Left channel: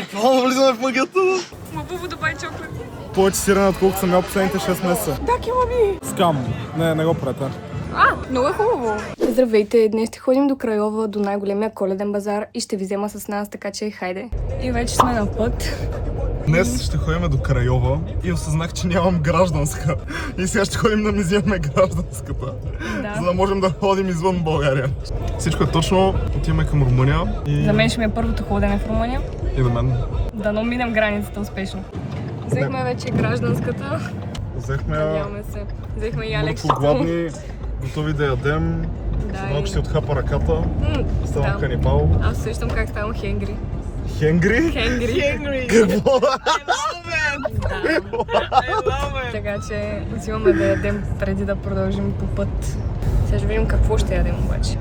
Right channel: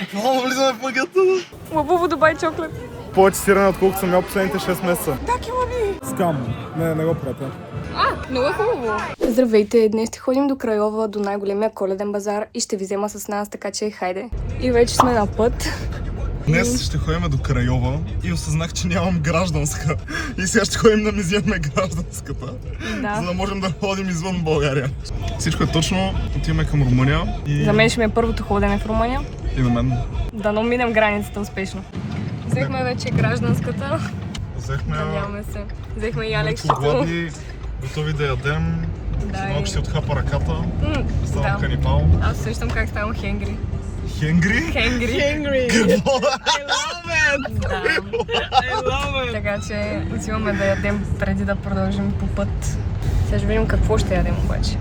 Буквално влизаме в магията. Лабубо Дубай чоклет. Повече сирене, отколкото съм ял последните 6 месеца. Да, килаби! Скам. Не го правете. Много е хубаво. Здравейте, днес ще ходим до Крайова, до най-големия коледен базар и ще ви взема с нас, така че хайде. И вече сме на път. Днес ще ходим до Крайова и осъзнах, че нямам гражданска. И сега ще ходим да ми вземем гражданската. Да. За да можем да ходим извън България. Всичко е точно. Отиваме към Румъния. И... За мен ще ми е първото ходене в Румъния. И на мен. Да минем границата успешно. Взехме вече гражданската. Надяваме се. Взехме и Алексито. Гладни, готови да ядем. Да, малко ще отхапа ръката. Ставам канибал. Аз сещам как ставам хенгри. Хенгри? Хенгри. Какво? Така че отиваме да ядем преди да продължим по път. Сега ще видим какво ще ядем обаче.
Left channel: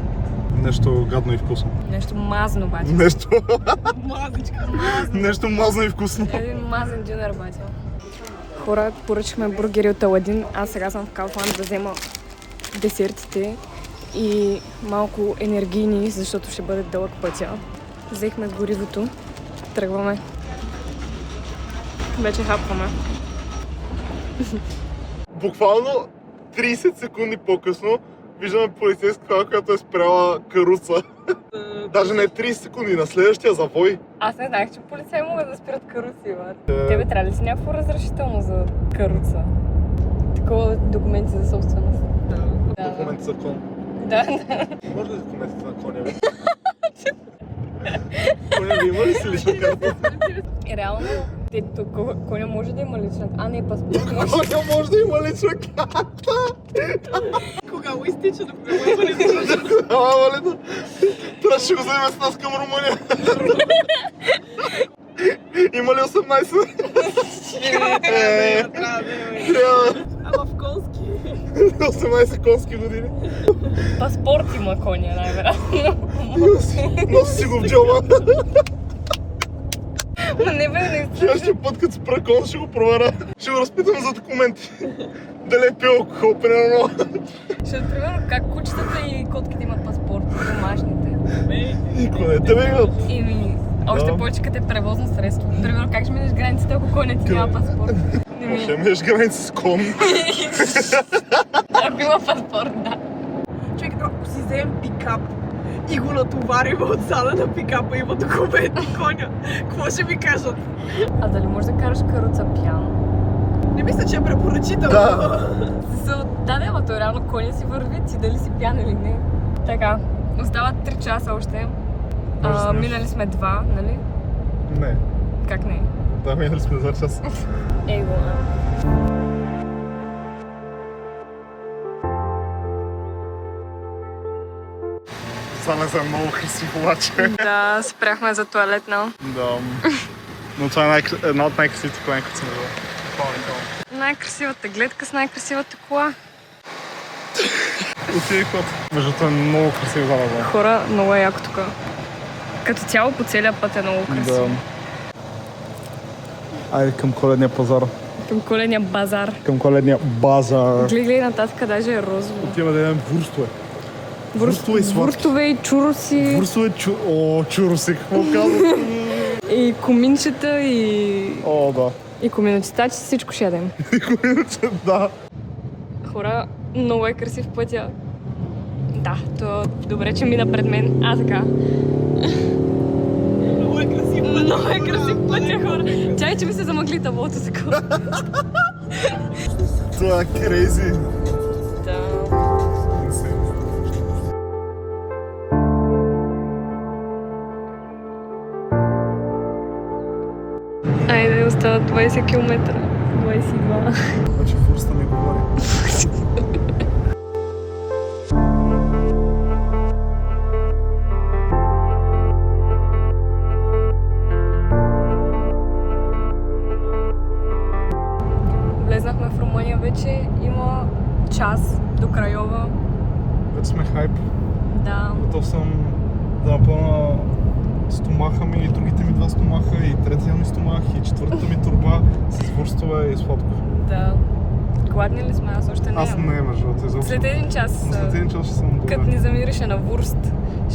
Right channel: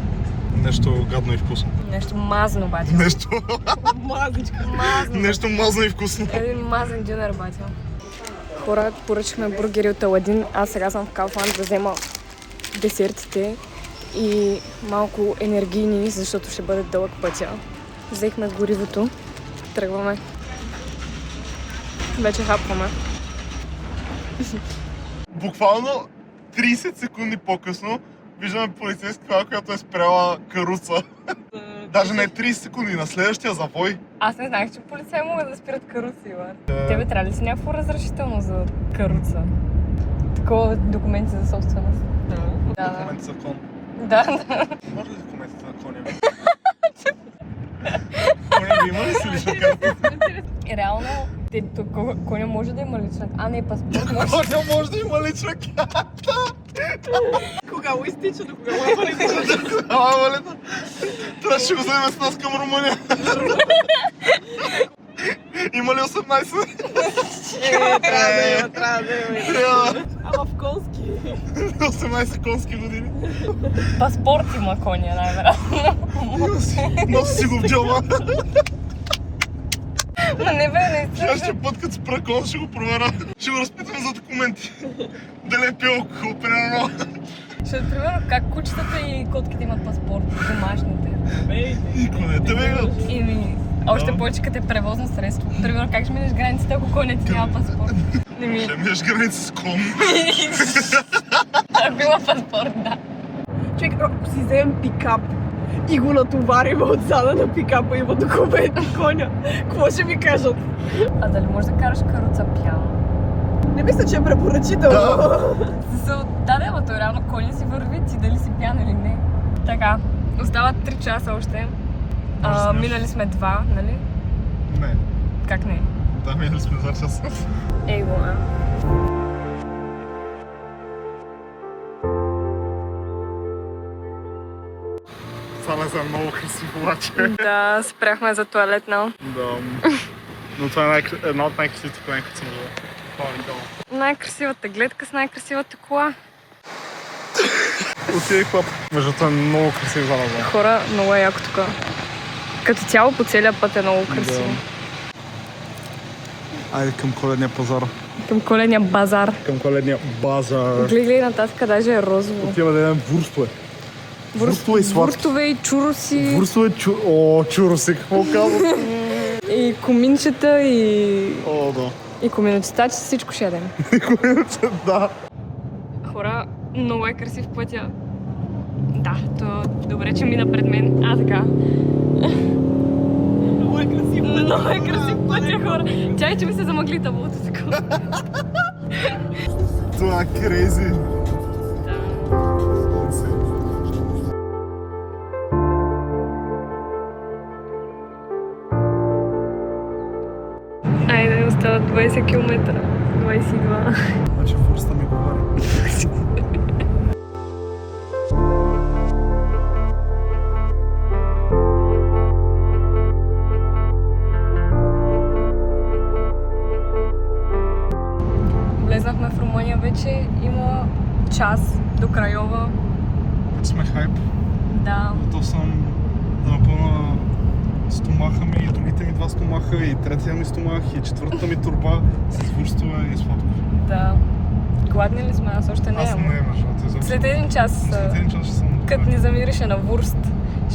Нещо гадно и вкусно. Нещо мазно обаче. Нещо... Мазничка. Нещо мазно и вкусно. Един мазен дюнер обаче. Хора, поръчахме бургери от Аладин. Аз сега съм в Kaufland да взема десертите и малко енергийни, защото ще бъде дълъг пътя. Взехме горивото. Тръгваме. Вече хапваме. Буквално 30 секунди по-късно виждаме полицейска кола, която е спряла каруца. Даже не 30 секунди, на следващия завой. Аз не знаех, че полицаи могат да спират каруци, бе. Тебе трябва ли си някакво разрешително за каруца? Такова документи за собственост. Да. Документи за кон. Да. Може ли документите на коня ви? Коня ви има ли си лична карта? Реално, коня може да има лична карта. Не, паспорт може. Коня може да има лична карта! Кога му изтича, до кога му е валидно? Трябваше го вземем с нас към Румъния. Има ли 18? Трябва да има. Ама в конски. 18 конски години. Паспорт има коня, най-вероятно. Носи си го в джоба. Ма не бе, не Следващия път, като спра кон, ще го проверя. Ще го разпитаме за документи. Дали е пил алкохол, примерно. Ще примерно как кучетата и котките имат паспорт, домашните. Никой не те имат. Още повече като е превозно средство. Примерно как ще минеш границата, ако конят ти няма паспорт? Ще минеш граница с кон. Ако има паспорт, да. Човек, ако си вземем пикап и го натоварим отзада на пикапа, има документи коня, какво ще ми кажат? А дали можеш да караш каруца пияно? Не мисля, че е препоръчително. Да, ама то реално коня си върви, ти дали си пиян или не. Така, остават 3 часа още. Минали сме 2, нали? Не. Как не? Да, минали сме за час. Ей го, Само за много красив обаче. Да, спряхме за туалетна. Да. Но това е една от най-красивите колани, които съм виждал. Най-красивата гледка с най-красивата кола. Отиде колата. Между това е много красиво залаза. Хора, много е яко тук. Като цяло по целия път е много красиво. Да. Айде към коледния пазар. Към коледния базар. Към коледния базар. Гледай нататък, даже е розово. Отиваме да ядем вурстове. Вурстове и сладки. Вурстове и чуроси. Вурстове, чуроси, какво казват? И коминчета и... О, да. И коминочетачи, всичко ще ядем. Да. Хора, много е красив пътя. Да, то добре, че мина пред мен. Така. Много е красив пътя. Много е красив пътя, хора. Чай, че ми се замъгли таблото си. Това е крейзи. Айде, остават 20 км. 22. Значи вурста ми говори. Влезнахме в Румъния вече. Има час до Крайова. Вече сме хайп. Да. Готов съм да напълна стомаха ми и другите ми 2 стомаха и третия ми стомах и 4-та ми турба с вурстове и сладко. Да. Гладни ли сме? Аз още не. Аз не, между другото. След един час. След един час ще съм Като ни замирише на вурст,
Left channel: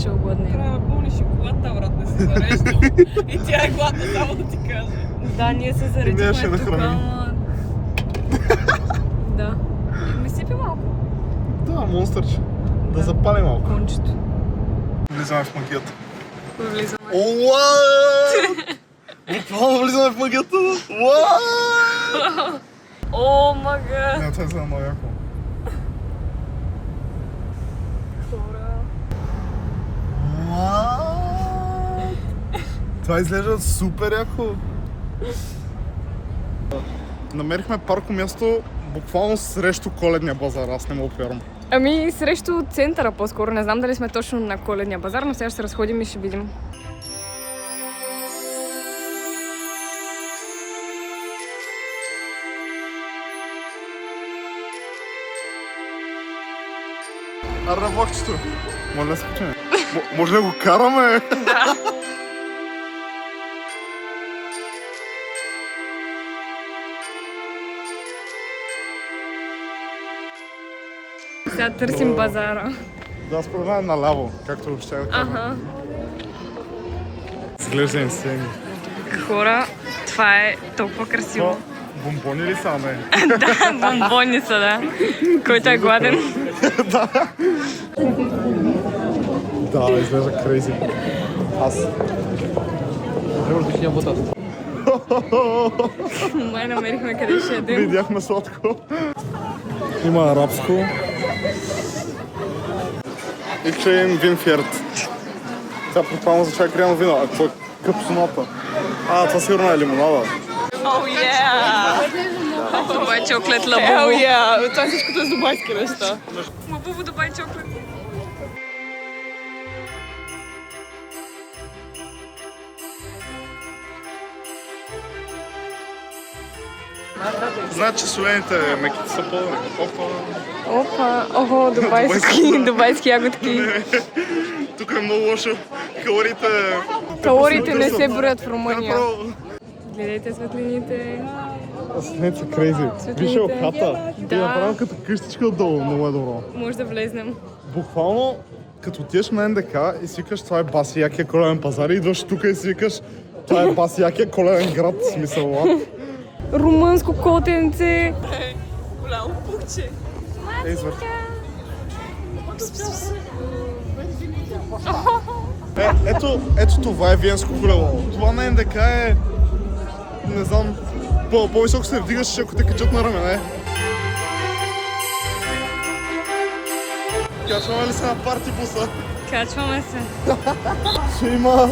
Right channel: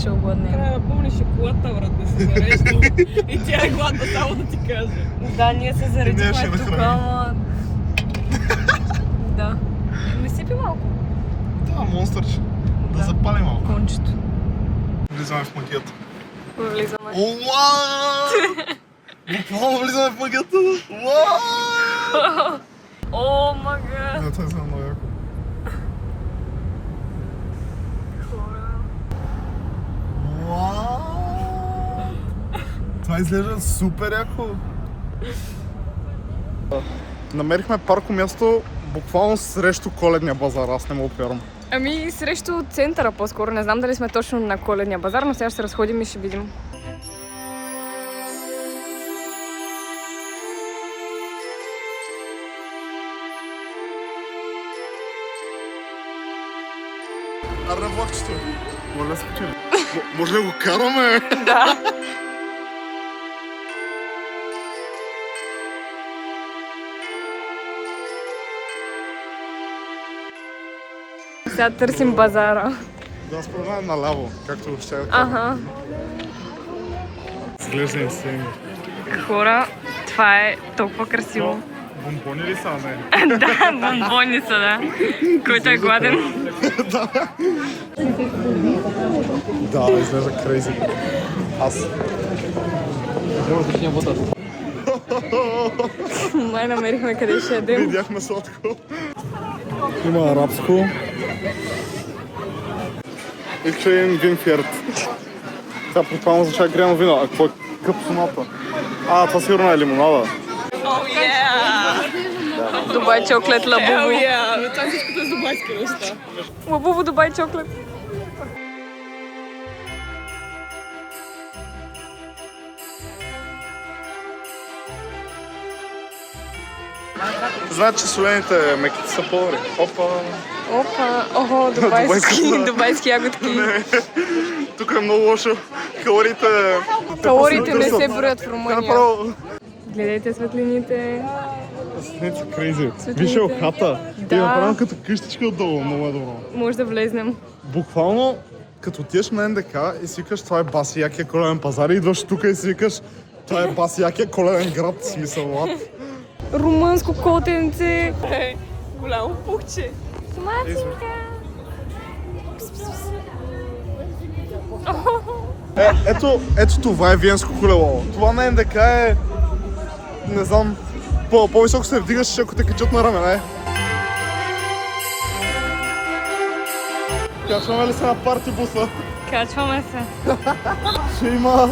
ще угодне. Трябва да помниш шоколадта, брат, не си зареждал. И тя е гладна, само да ти кажа. Да, ние се Ние заредихме ще тук, нахраним. ама... Да. Ми сипи малко. Да, монстърче. Да запали малко. Кончето. Влизаме в магията. Влизаме. Уау! Буквално влизаме в магията. Уау! О, мага! Не, това е много яко. Уау! Това изглежда супер яко. Намерихме парко място буквално срещу Коледния базар, аз не мога да вярвам. Ами срещу центъра по-скоро. Не знам дали сме точно на Коледния базар, но сега ще се разходим и ще видим. Арабокчето. Може да се качим. Може да го караме? Да. Сега търсим базара. Да, според мен наляво, както ще да кажа. Аха. Изглежда им сцени. Хора, това е толкова красиво. Бомбони ли са, не? Да, бомбони са, да. Който е гладен. Да, изглежда крейзи. Аз. Май намерихме къде ще ядем. Видяхме сладко. Има арабско. И ще им винферт. Това буквално означава гряно вино. А какво е капсуната? А, това сигурно е лимонада. Дубай чоклет лабубу. Това всичкото е с дубайски неща. Лабубу Дубай чоклет. Значи солените меките са по-добри. Опа! Опа, охо, дубайски ягодки. Тук е много лошо. Калориите... Калориите не се броят в Румъния. Направо. Гледайте светлините. Не си крейзи. Светлините. Виж хата. Да. И направо като къщичка отдолу. Много е добро. Може да влезнем. Буквално, като отидеш на НДК и си викаш, това е баси якия коледен пазар и идваш тук и си викаш, това е баси якия коледен град, в смисъл лад. Румънско котенце. Голямо пухче. Матинка. Ето това е виенско колело. Това на НДК е, не знам, по-високо се вдигаш, ако те качат на рамене. Качваме ли се на парти буса? Качваме се. Ще има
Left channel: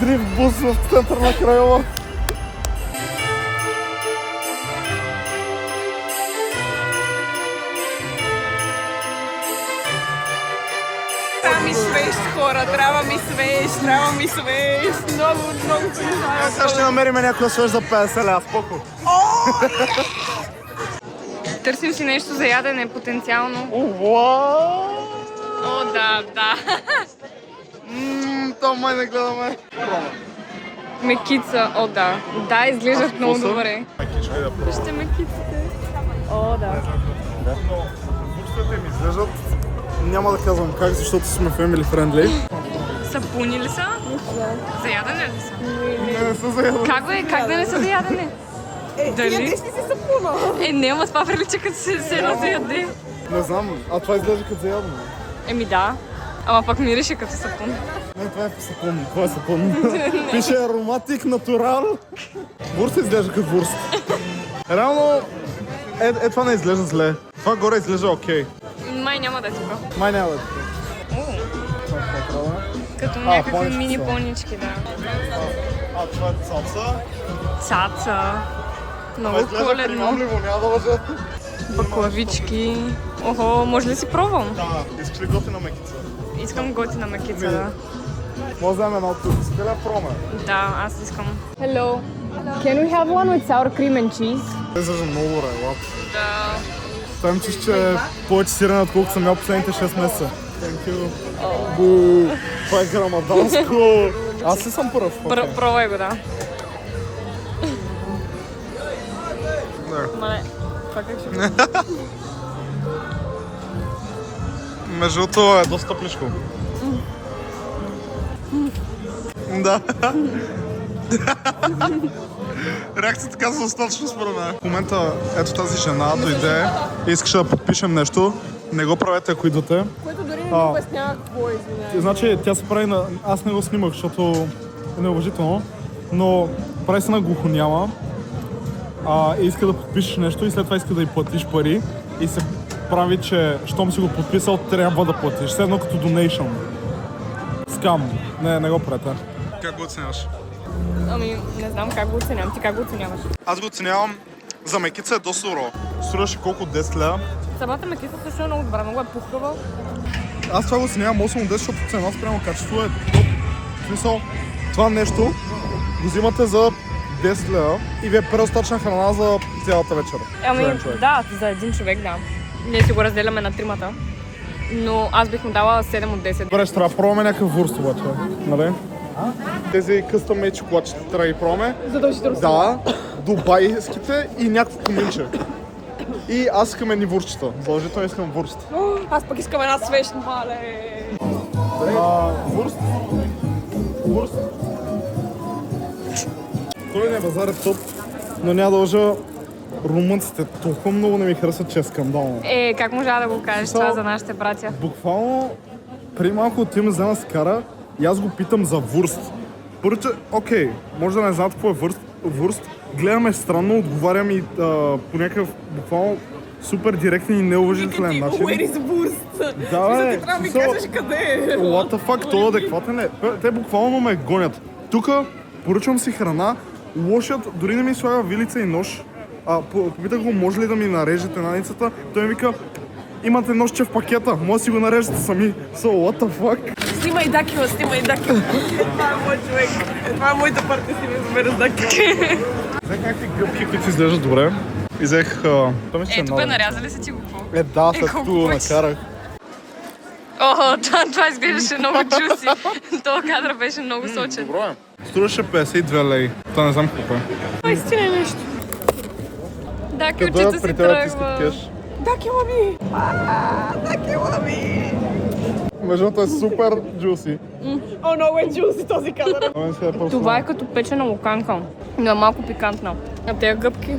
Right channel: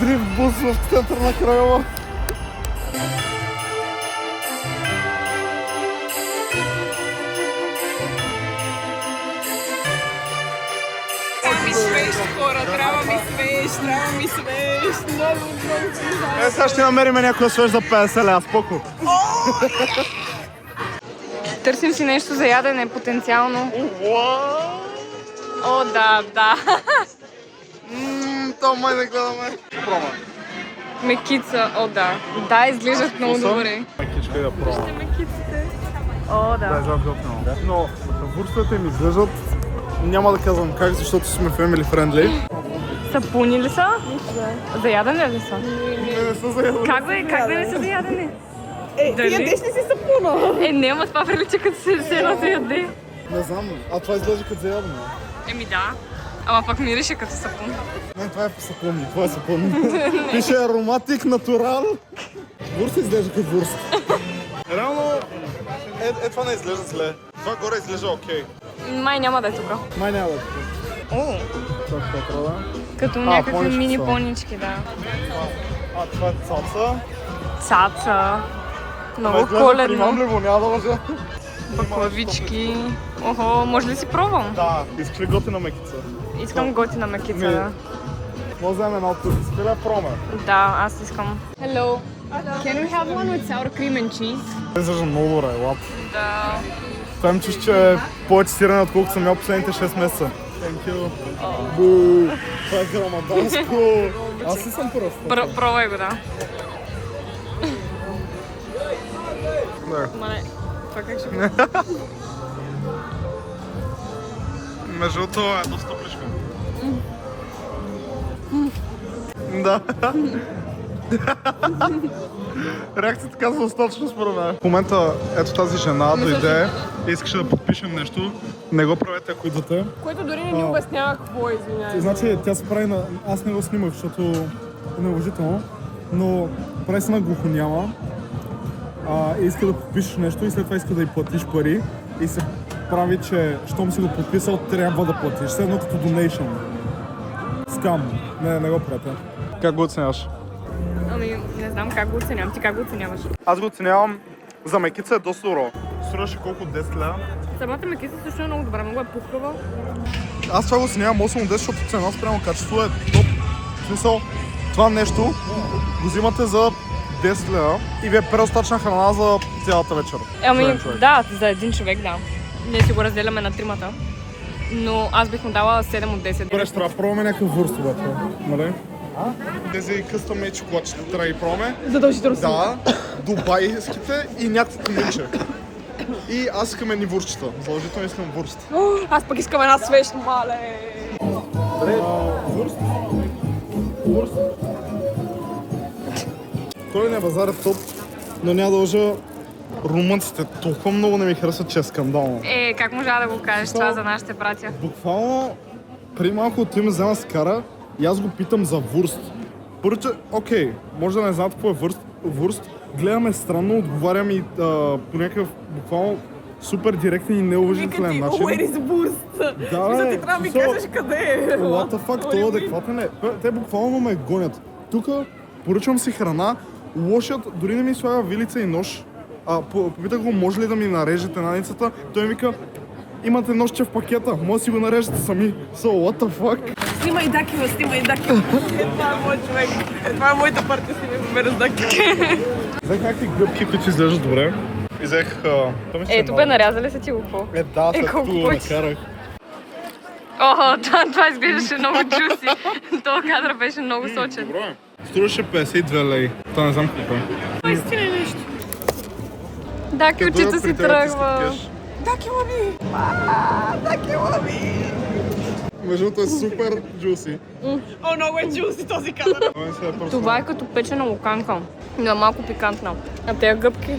дрифт бус в център на Крайова. Трябва ми свеж, хора, трябва ми свеж. Много се не знаю. Сега ще намерим някой свеж за 50 ля, спокой. Търсим си нещо за ядене потенциално. О, да. Това май не гледаме. Прома. Мекица, о, да. Да, изглеждат много вкуса? добре. Мекичка да пробвам. Вижте мекиците. О, да. Но бутвете ми изглеждат, няма да казвам как, защото сме family friendly. Сапуни ли са? Да. За ядене ли са? Как да не са за ядене? Дали? Ядеш ли си сапуна? Не, ама това прилича като се едно за яде. Не знам, а това изглежда като за ядене. Еми да. Ама пък мирише като сапун. Не, това е сапун, това е сапун. Пише ароматик натурал. Вурст изглежда като вурст. Реално, това не изглежда зле. Това горе изглежда окей. Май няма да е тук. Май няма да е тук. О, Това ще е правда. като някакви понички мини са. понички, да. А това е цаца. Цаца. Много Изглежда коледно. приемливо, няма да лъжа. Баклавички. Охо, може ли да си пробвам? Да, искаш ли готина мекица? Искам готина мекица, да. Може да вземем една от тук. Искаш ли да пробваме? Да, аз искам. Hello. Can we have one with sour cream and cheese? Изглежда много добре, лап. Да. Там чиш, че е повече сирене, отколкото съм ял последните 6 месеца. Thank you. Бу, това е грамаданско. Аз си съм пръв. Пробвай го, да. Да. Мале, това как ще бъде? Между другото е доста топличко. Да. Реакцията казва достатъчно според мен. В момента ето тази жена дойде и искаше да подпишем нещо. Не го правете, ако идвате. Което дори не ми обяснява какво, извиняй. Значи тя се прави на... Аз не го снимах, защото е неуважително, но прави се на глухоняма и иска да подпишеш нещо и след това иска да й платиш пари и се прави, че щом си го подписал, трябва да платиш. Все едно като donation. Скам. Не го правете. Как го оценяваш? Ами, не знам как го оценявам. Ти как го оценяваш? Аз го оценявам за мекица е доста добро. Струваше колко 10 лева. Самата мекица също е много добра, много е пухкава. Аз това го оценявам 8 от 10, защото цена спрямо качество е топ. В смисъл, това нещо го взимате за 10 лева и ви е предостатъчна храна за цялата вечер. Ами, да, за един човек, да. Ние си го разделяме на тримата. Но аз бих му дала 7 от 10. Добре, ще трябва да пробваме някакъв вурст обаче, нали? Тези къстъм мейд чоколадчета трябва да ги пробваме. Задължително. Да, дубайските и някакво каминче. И аз искам едни вурстчета. Положително искам вурст. Аз пък искам една свещ, мале. Вурст? Вурст? Коледния базар е топ, но няма да лъжа, румънците толкова много не ми харесват, че е скандално. Как можа да го кажеш това за нашите братя? Буквално, преди малко от им взема с кара и аз го питам за вурст. Първите, окей, може да не знаят какво е вурст, гледаме странно, отговарям и по някакъв буквално супер директен и неуважителен начин. Where is вурст? Да, бе, ти трябва да ми кажеш къде е. What the fuck, това адекватен е. Те буквално ме гонят. Тука поръчвам си храна, лошият дори не ми слага вилица и нож. Попитах го, може ли да ми нарежете наницата. Той ми вика, имате ножче в пакета, може да си го нарежете сами. So, what the fuck? Снимай Дакила, снимай Дакила. Това е мой човек. Това е моята партия, снимай го с Дакила. Взех някакви гъбки, които изглеждат добре. И взех... Тук бе нарязали са ти го какво? Да, след колко като го пъти? накарах. Това изглеждаше много джуси. Това кадър беше много сочен. Добро е. Струваше 52 лей. Това не знам колко е. Наистина е нещо. Да, кючето си тръгва. Дакила ми! Дакила ми! Между другото е супер джуси. Много е джуси този кадър. Това е като печена луканка, но е малко пикантна. А тези гъбки?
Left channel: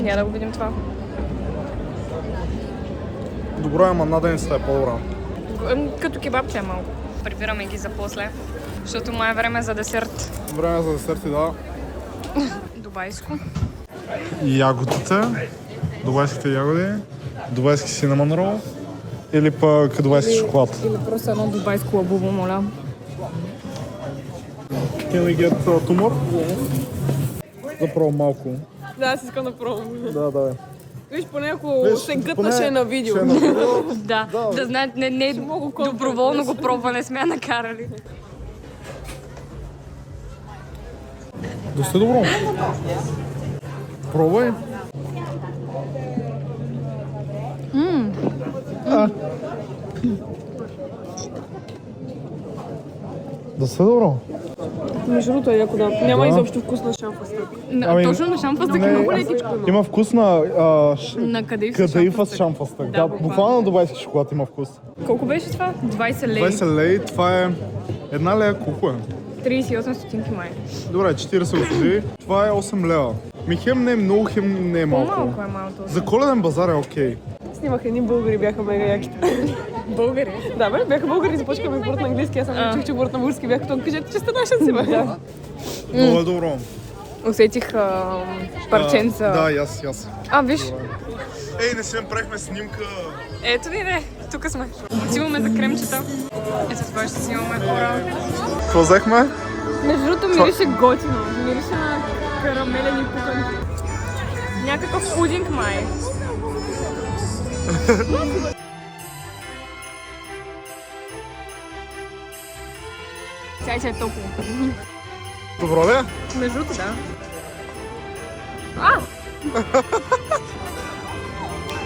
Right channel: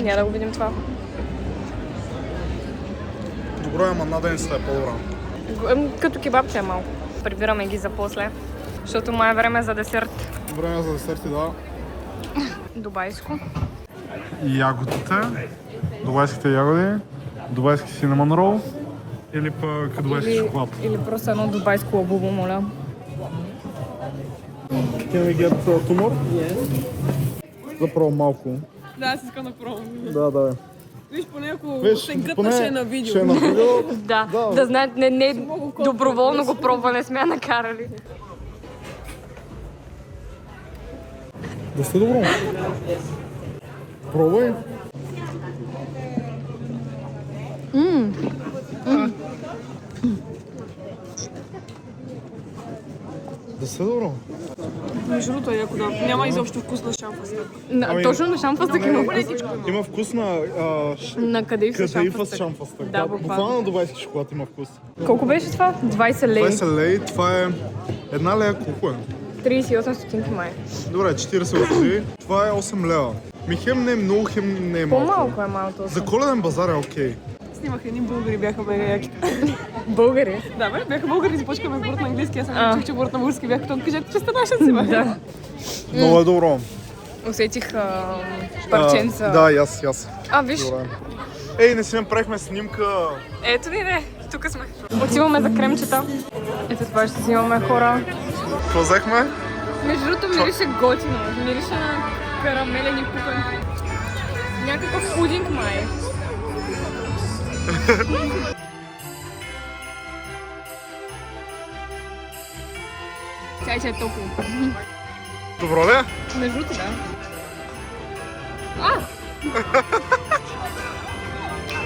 Няма да го видим това. Добро е, ама наденицата е по-добра. Като кебабче е малко. Прибираме ги за после, защото май е време за десерт. Време за десерти, да. Дубайско. Ягодите, дубайските ягоди, дубайски синамон рол или пък дубайски шоколад. Или просто едно дубайско лабубо, моля. Can we get tumor? Yes. Заправо малко. Да, аз искам да пробвам. Да. Виж, поне ако се гътнаше е на видео. Да знаят, не доброволно го пробване сме накарали. Да сте добро. Пробвай. Да сте добро. Между другото е яко да. Няма изобщо вкус на шамфастък. Точно на шамфастък има. Много лекичко има. Има вкус на На къде кадеифа с шамфастък. Да, буквално дубайски шоколад има вкус. Колко беше това? 20 лей. 20 лей, това е една лея колко е? 38 стотинки май. Добре, 40 лева. Това е 8 лева. Ми хем не е много, хем не е малко. По-малко е малко. За коледен базар е окей. Снимах едни българи, бяха мега яки. Българи? Да, бе, бяха българи, започнаха ме говорят на английски, аз съм чух, че говорят на български, бяха там, кажете, че сте нашен си, бе. Много е добро. Усетих парченца. Да, и аз. Виж. Ей, не си направихме снимка. Ето ви, тук сме. Отиваме за кремчета. Ето това ще си имаме хора. Какво взехме? Между другото мирише готино. Мирише на карамелен и пукан. Някакъв пудинг май. Чай е топло. Добро ли? Между другото, да.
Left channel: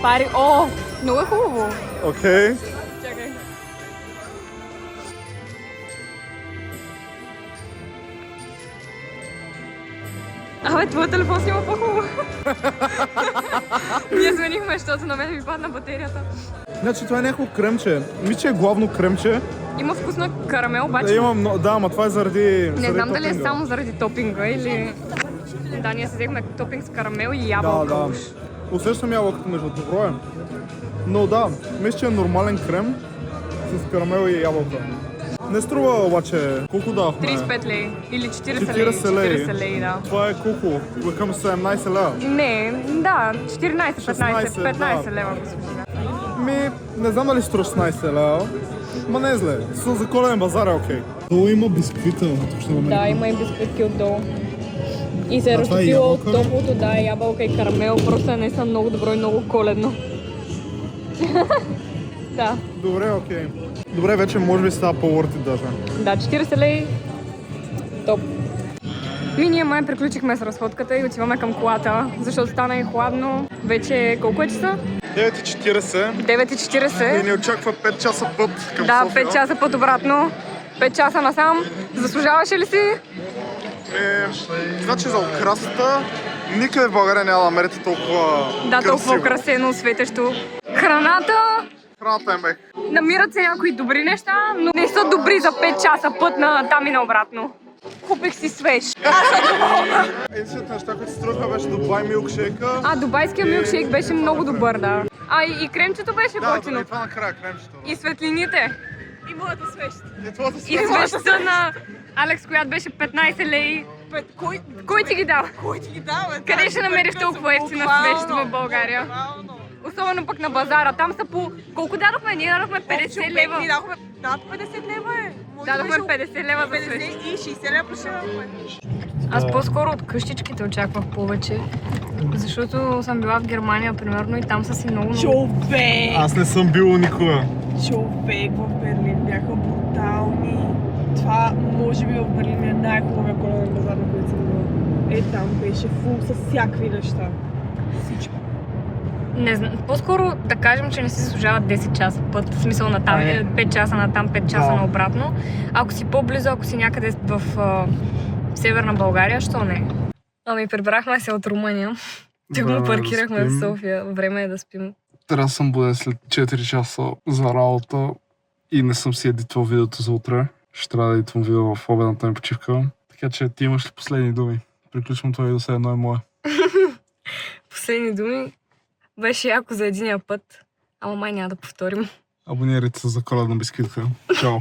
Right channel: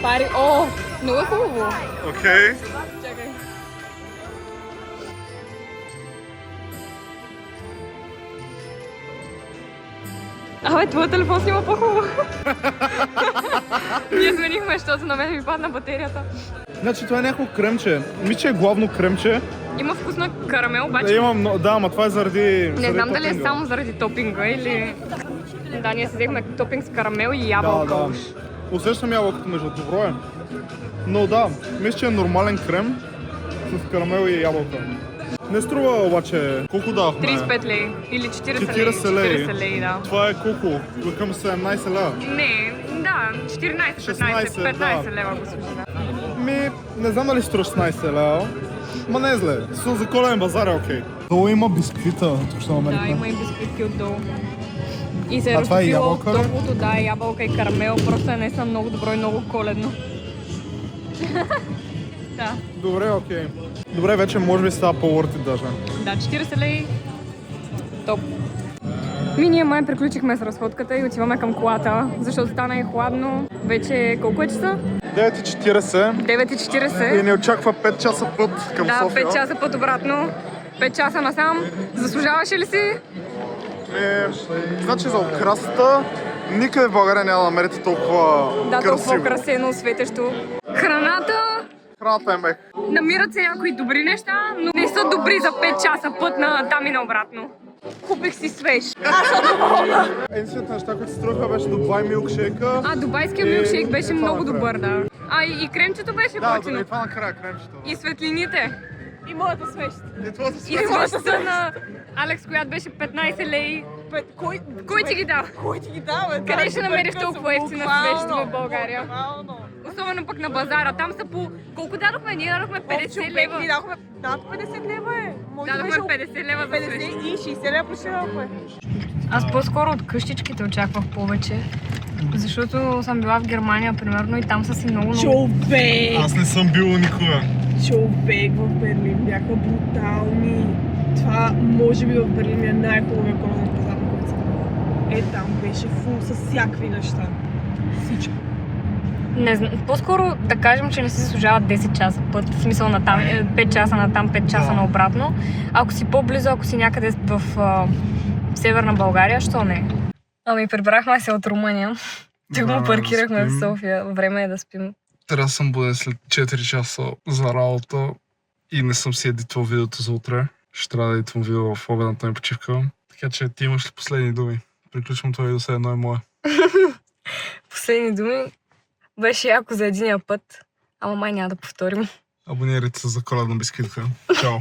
Пари, много е хубаво. Окей. Чакай. Абе, твой телефон снима по-хубаво. Ние сменихме, защото на мен ми падна батерията. Значи това е някакво кремче. Мисля, че е главно кремче. Има вкус на карамел, обаче. Да, ама това е заради... Не знам дали е само заради топинга или... Да, ние си взехме топинг с карамел и ябълка уж. Усещам ябълката между добро е. Но да, мисля, че е нормален крем с карамел и ябълка. Не струва обаче, колко давахме? 35 лей или 40 лей. 40 лей. 40 лей, да. Това е колко? Към 17 лева. Не, да, 14, 15, 15 да. лева го служи, да. Не знам дали струва 16 лева. Ма не е зле. За коледен базар е окей. Долу има бисквита. Да, има и бисквитки отдолу. И се е това е разтопило ябълка ли? топлото, да, ябълка и карамел. Просто е наистина много добро и много коледно. Да. Добре, окей. Добре, вече може би става по-worth it даже. Да, 40 лей. Топ. Ние май приключихме с разходката и отиваме към колата, защото стана и хладно. Вече колко е часа? 9:40. 9:40. И ни очаква 5 часа път към Да, София. 5 часа път обратно. 5 часа насам. Заслужаваше ли си? Значи за украсата никъде в България няма да намерите толкова красиво. Толкова красено, светещо. Храната. Храната е мех. Намират се някои добри неща, но не са добри за 5 часа път на там и на обратно. Купих си свеж. Единствените неща, които струваха беше Дубай милкшейка. Дубайския милкшейк беше много добър, да. И кремчето беше Да, готино. и това накрая кремчето. И светлините. И моята свещ. И това И свещата на Алекс, която беше 15 лей. Кой ти ги дава? Кой ти ги дава? Къде ще намериш толкова ефтина свещ в България? Особено пък на базара. Там са по... Колко дадохме? Ние дадохме 50 лева. Ние дадохме над 50 лева е. Дадохме 50 лева за свещ. 50 и 60 лева плюсувахме. Аз по-скоро от къщичките очаквах повече. Защото съм била в Германия, примерно, и там са си много... Човек! Аз не съм бил никога. Човек в Берлин бяха брутални. Това може би в Берлин е най-хубавия коледен базар, на който съм била. Там беше фул с всякакви неща. Всичко. Не знам, по-скоро да кажем, че не си заслужава 10 часа път, в смисъл на там, 5 часа на там, 5 часа на обратно. Ако си по-близо, ако си някъде в Северна България, що не? Ами прибрахме се от Румъния. Тук му паркирахме в София. Време е да спим. Трябва да съм буден след 4 часа за работа и не съм си едитвал видеото за утре. Ще трябва да едитвам видео в обедната ми почивка. Така че ти имаш ли последни думи? Приключвам това и до сега едно е мое. Последни думи. Беше яко за единия път, ама май няма да повторим. Абонирайте се за коледна бисквитка. Чао!